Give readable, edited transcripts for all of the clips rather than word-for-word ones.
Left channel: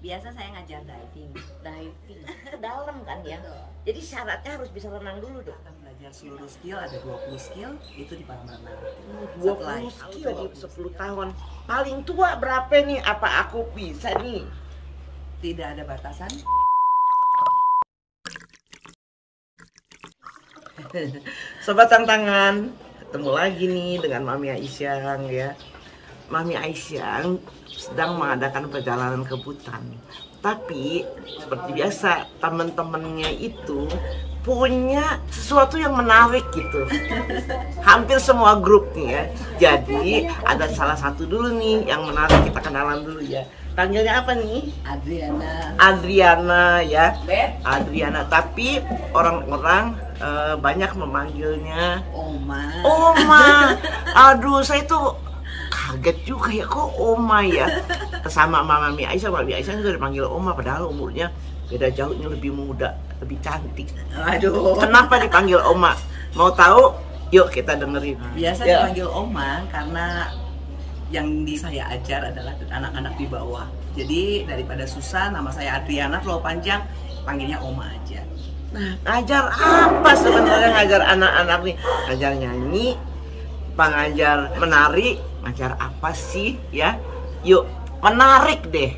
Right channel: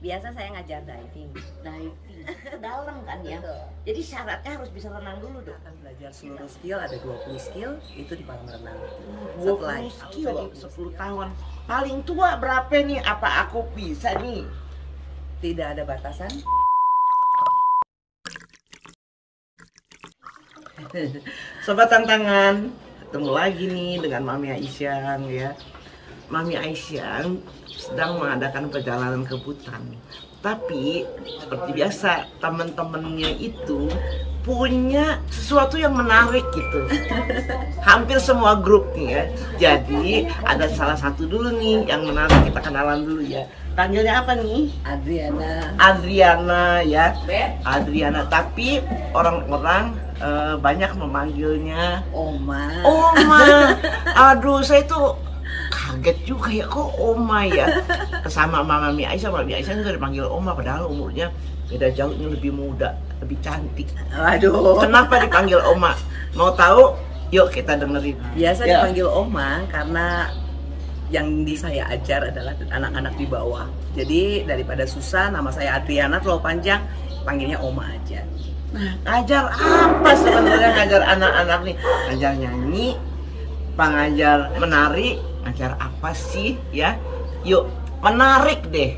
Biasa saya ngajar diving. Diving dalam kan ya. Betul. Jadi syaratnya harus bisa renang dulu dong. Akan belajar seluruh skill, ada 20 skill itu di kolam renang. 20 skill 10 tahun. Paling tua berapa nih? Apa aku bisa nih? Tidak ada batasan. Sobat Tantangan, ketemu lagi nih dengan Mami Aisyah ya. Mami Aisyah sedang mengadakan perjalanan ke Butan. Tapi seperti biasa teman-temannya itu punya sesuatu yang menarik gitu. Hampir semua grup nih ya. Jadi ada salah satu dulu nih yang menarik, kita kenalan dulu ya. Panggilnya apa nih? Adriana. Adriana ya. Adriana, tapi orang-orang banyak memanggilnya Oma. Oma. Aduh, saya tuh kaget juga ya, kok Oma ya. Sama Mami Aisyah, Mami Aisyah sudah dipanggil Oma padahal umurnya beda jauh, ini lebih muda, lebih cantik. Waduh. Kenapa dipanggil Oma? Mau tahu? Yuk kita dengerin. Biasa Ya. dipanggil Oma karena yang saya ajar adalah anak-anak di bawah. Jadi daripada susah, nama saya Adriana terlalu panjang, panggilnya Oma aja. Nah, ngajar apa sebenarnya ngajar anak-anak nih? Ngajar nyanyi, pengajar menari, ngajar apa sih ya? Yuk, menarik deh.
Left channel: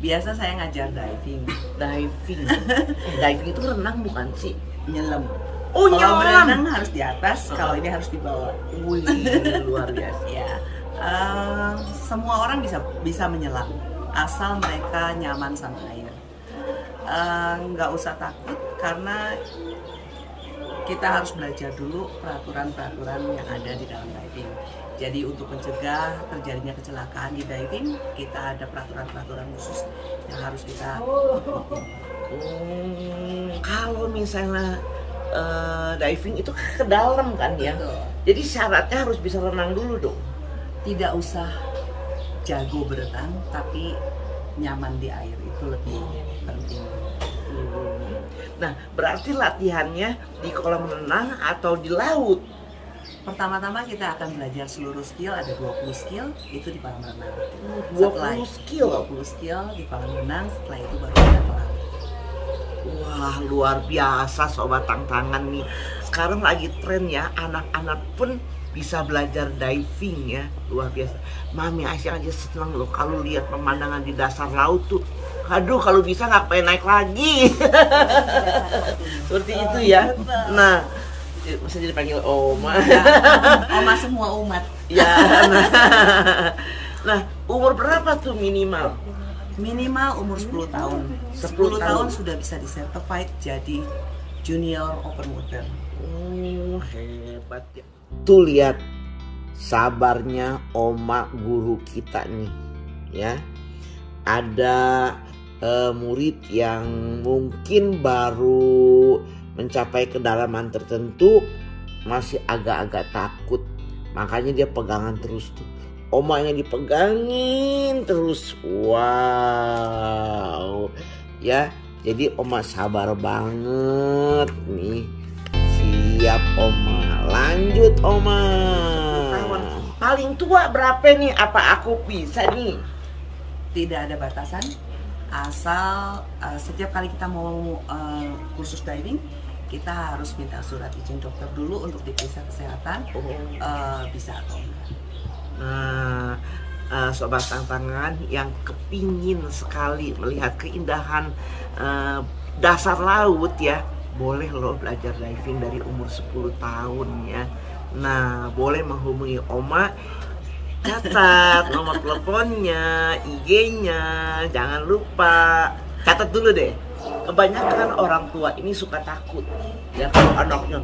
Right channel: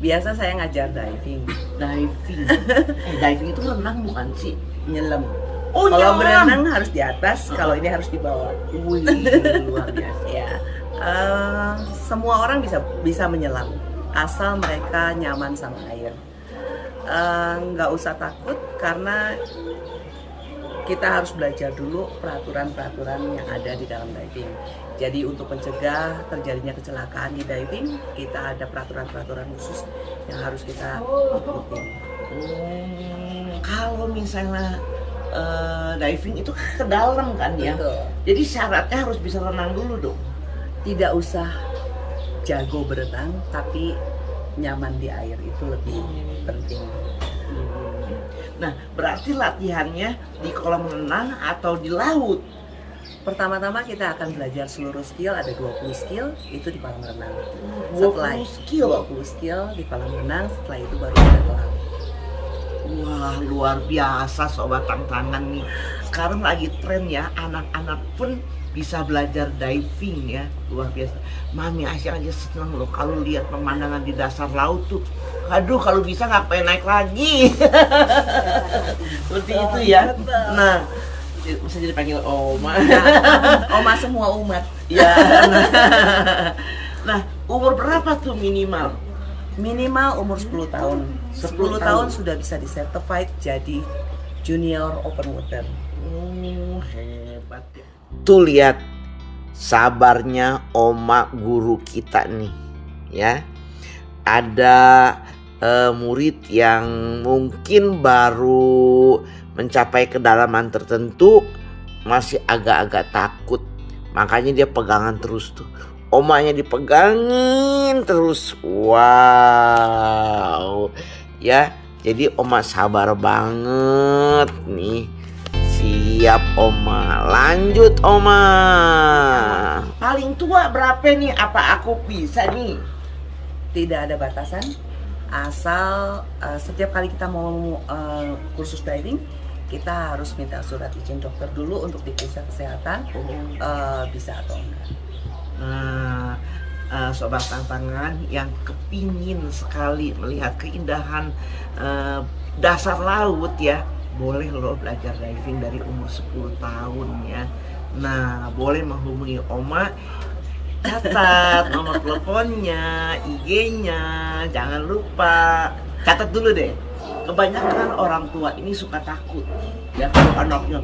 Biasa saya ngajar diving. Diving. Diving itu renang bukan sih? Nyelam. Oh, Kalau nyelam. berenang harus di atas, kalau ini harus di bawah. Wih, luar biasa. Ya, semua orang bisa menyelam asal mereka nyaman sama air. Nggak usah takut karena kita harus belajar dulu peraturan-peraturan yang ada di dalam diving. Jadi untuk mencegah terjadinya kecelakaan di diving, kita ada peraturan-peraturan khusus yang harus kita ikuti. Kalau misalnya diving itu ke dalam kan ya. Betul. Jadi syaratnya harus bisa renang dulu dong. Tidak usah jago berenang, tapi nyaman di air itu lebih penting. Nah, berarti latihannya di kolam renang atau di laut? Pertama-tama kita akan belajar seluruh skill, ada 20 skill itu di kolam renang. 20 skill? 20 skill di kolam renang, setelah itu baru kita ke laut. Wah, luar biasa Sobat Tantangan nih. Sekarang lagi tren ya, anak-anak pun bisa belajar diving ya, luar biasa. Mami Aisyah aja senang loh kalau lihat pemandangan di dasar laut tuh. Aduh, kalau bisa nggak pengen naik lagi. Seperti itu ya. Nah, masa jadi panggil Oma. Oma semua umat. Ya. Nah, umur berapa tuh minimal? Minimal umur 10 tahun. 10 tahun sudah bisa disertified jadi junior open water. Hebat ya. Tuh lihat sabarnya Oma guru kita nih ya. Ada murid yang mungkin baru mencapai kedalaman tertentu, masih agak-agak takut, makanya dia pegangan terus tuh. Omanya dipegangin terus. Wow ya, jadi Oma sabar banget nih. Siap Oma, lanjut Oma. Paling tua berapa nih? Apa aku bisa nih? Tidak ada batasan, asal setiap kali kita mau kursus diving, kita harus minta surat izin dokter dulu untuk diperiksa kesehatan, bisa atau enggak. Nah, Sobat Tantangan yang kepingin sekali melihat keindahan dasar laut ya, boleh loh belajar diving dari umur 10 tahun ya. Nah, boleh menghubungi Oma. Catat nomor teleponnya, IG-nya, jangan lupa. Catat dulu deh. Kebanyakan orang tua ini suka takut ya kalau anaknya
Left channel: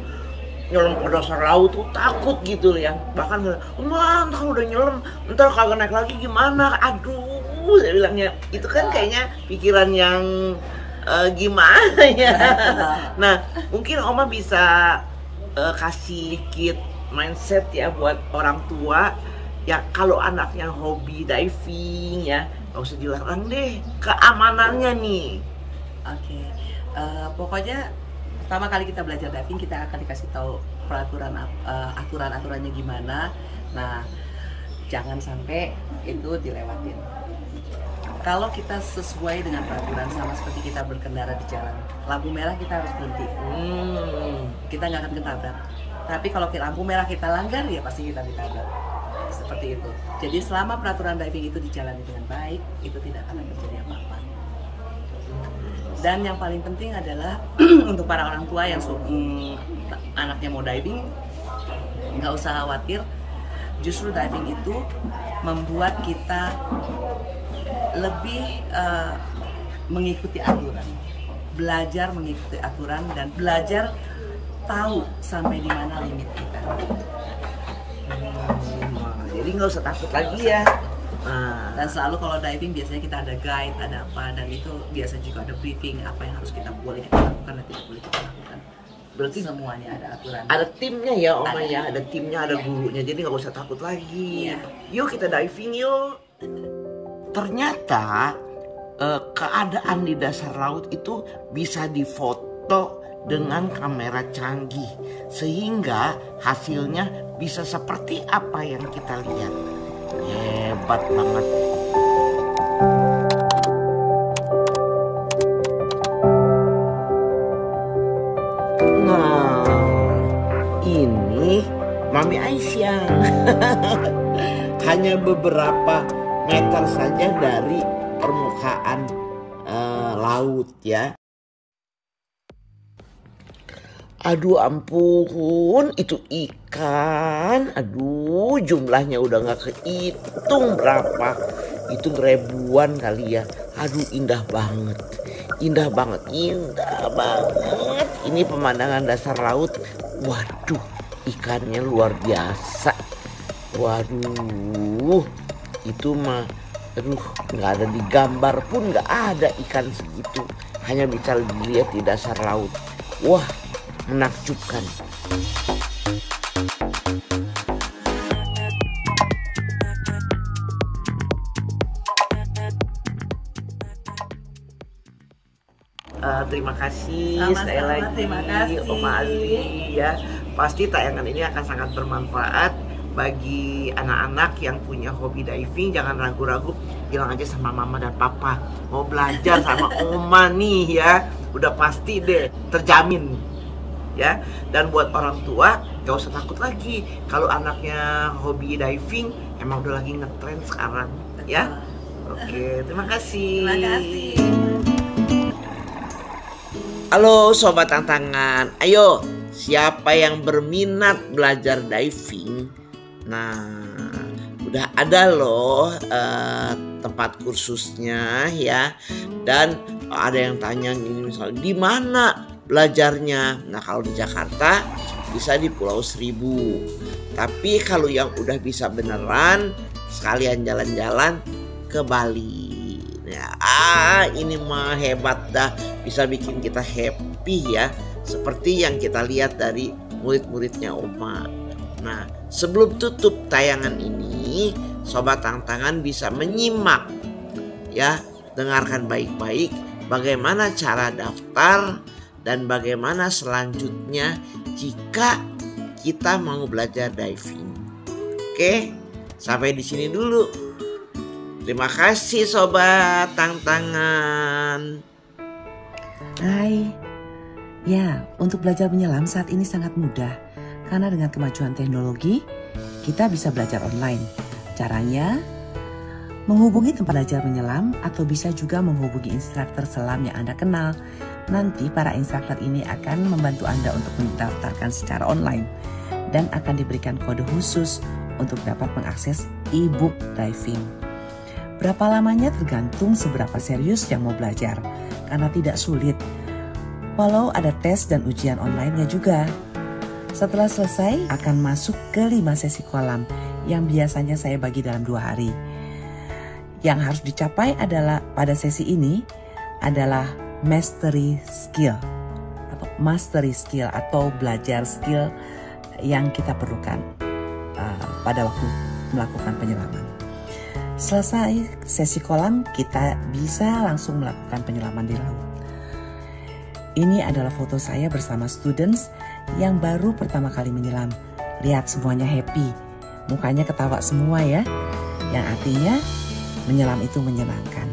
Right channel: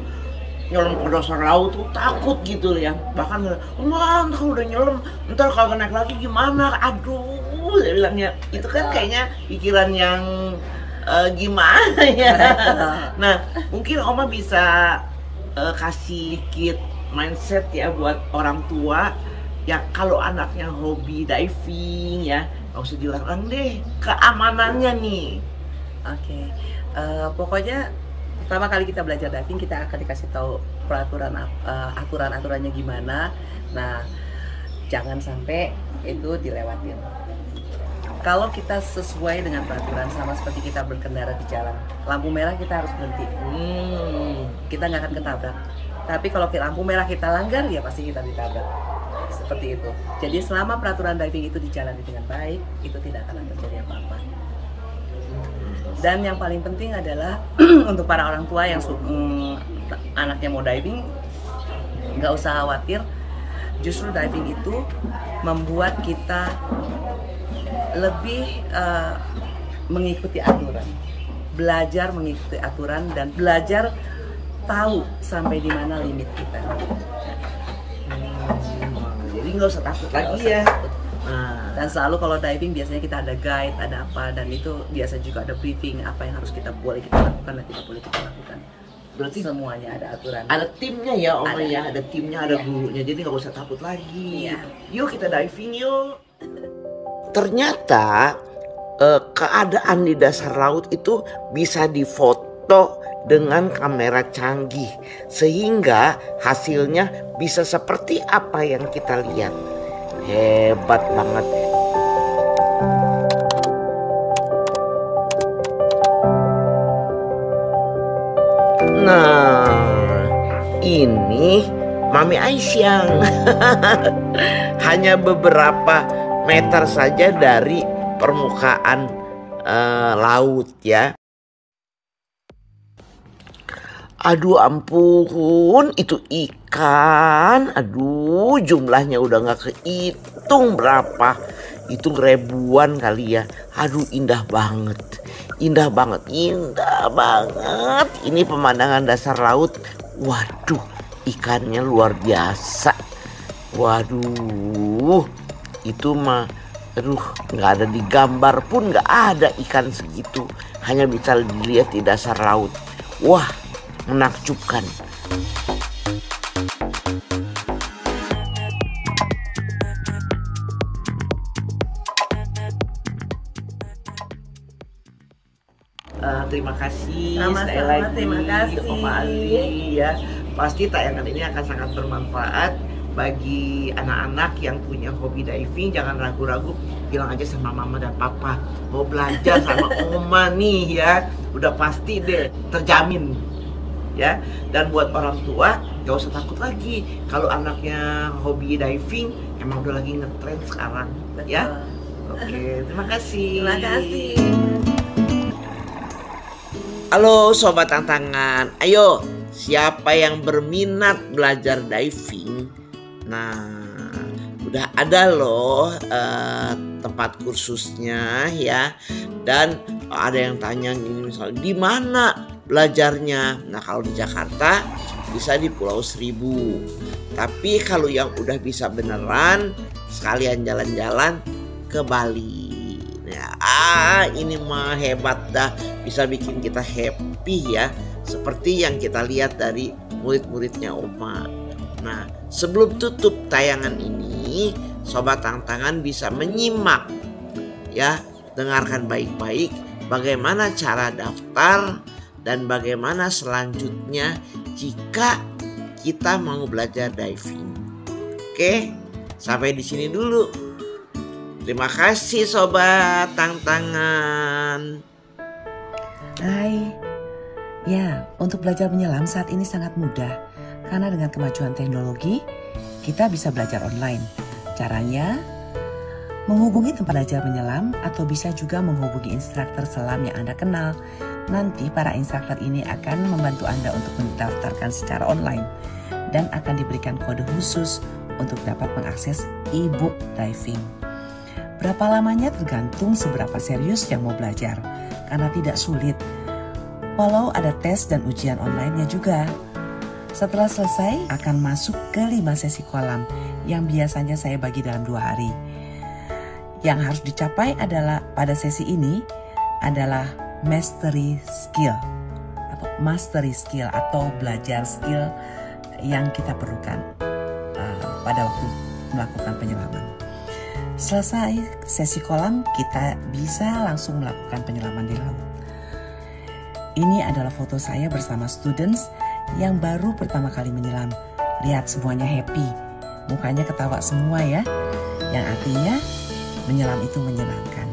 nyelam ke dasar laut tuh takut gitu ya. Bahkan ntar udah nyelam ntar kagak naik lagi gimana, aduh, saya bilangnya itu kan kayaknya pikiran yang gimana ya. Nah, mungkin Oma bisa kasih sedikit mindset ya buat orang tua ya, kalau anaknya hobi diving ya nggak usah dilarang deh, keamanannya nih. Oke. Pokoknya pertama kali kita belajar diving kita akan dikasih tahu aturan-aturannya gimana. Nah, jangan sampai itu dilewatin. Kalau kita sesuai dengan peraturan, sama seperti kita berkendara di jalan, lampu merah kita harus berhenti. Kita nggak akan ketabrak. Tapi kalau lampu merah kita langgar, ya pasti kita ditabrak. Seperti itu. Jadi selama peraturan diving itu dijalani dengan baik, itu tidak akan terjadi apa-apa. Dan yang paling penting adalah untuk para orang tua yang anaknya mau diving, nggak usah khawatir. Justru diving itu membuat kita lebih mengikuti aturan, belajar mengikuti aturan dan belajar tahu sampai di mana limit kita. Jadi nggak usah takut lagi ya. Dan selalu kalau diving biasanya kita ada guide, ada apa, dan itu biasa juga ada briefing apa yang harus kita boleh kita lakukan dan tidak boleh kita lakukan. Berarti semuanya ada aturan. Ada timnya ya Oma ya, ada timnya, ada gurunya. Jadi nggak usah takut lagi. Yuk kita diving yuk. Ternyata keadaan di dasar laut itu bisa difoto dengan kamera canggih sehingga hasilnya bisa seperti apa yang kita lihat. Hebat banget. Nah, ini Mami Aisyah. Hanya beberapa meter saja dari permukaan laut ya. Aduh ampun, itu ikan. Aduh, jumlahnya udah gak kehitung berapa. Itu ribuan kali ya. Aduh, indah banget. Indah banget, indah banget. Ini pemandangan dasar laut. Waduh, ikannya luar biasa. Waduh, itu mah, aduh, gak ada di gambar pun gak ada ikan segitu. Hanya bisa dilihat di dasar laut. Wah, menakjubkan. Terima kasih sekali lagi. Terima kasih Oma Ali ya. Pasti tayangan ini akan sangat bermanfaat bagi anak-anak yang punya hobi diving. Jangan ragu-ragu, bilang aja sama mama dan papa mau belajar sama Oma nih ya. Udah pasti deh, terjamin ya. Dan buat orang tua gak usah takut lagi kalau anaknya hobi diving, emang udah lagi ngetren sekarang. Betul. Ya. Oke, terima kasih. Terima kasih. Halo Sobat Tantangan, ayo siapa yang berminat belajar diving? Nah, udah ada loh tempat kursusnya ya. Dan ada yang tanya ini misalnya di mana belajarnya? Nah, kalau di Jakarta bisa di Pulau Seribu. Tapi kalau yang udah bisa beneran, sekalian jalan-jalan ke Bali. Nah, ini mah hebat dah, bisa bikin kita happy ya. Seperti yang kita lihat dari murid-muridnya Oma. Nah, sebelum tutup tayangan ini, Sobat Tantangan bisa menyimak ya, dengarkan baik-baik bagaimana cara daftar dan bagaimana selanjutnya jika kita mau belajar diving. Oke, sampai di sini dulu. Terima kasih Sobat Tantangan. Hai. Ya, untuk belajar menyelam saat ini sangat mudah. Karena dengan kemajuan teknologi, kita bisa belajar online. Caranya, menghubungi tempat belajar menyelam atau bisa juga menghubungi instruktur selam yang Anda kenal. Nanti para instruktur ini akan membantu Anda untuk mendaftarkan secara online dan akan diberikan kode khusus untuk dapat mengakses e-book diving. Berapa lamanya tergantung seberapa serius yang mau belajar, karena tidak sulit. Walau ada tes dan ujian online-nya juga. Setelah selesai, akan masuk ke 5 sesi kolam yang biasanya saya bagi dalam 2 hari. Yang harus dicapai adalah pada sesi ini adalah mastery skill atau belajar skill yang kita perlukan pada waktu melakukan penyelaman. Selesai sesi kolam, kita bisa langsung melakukan penyelaman di laut. Ini adalah foto saya bersama students yang baru pertama kali menyelam. Lihat semuanya happy, mukanya ketawa semua ya. Yang artinya menyelam itu menyenangkan.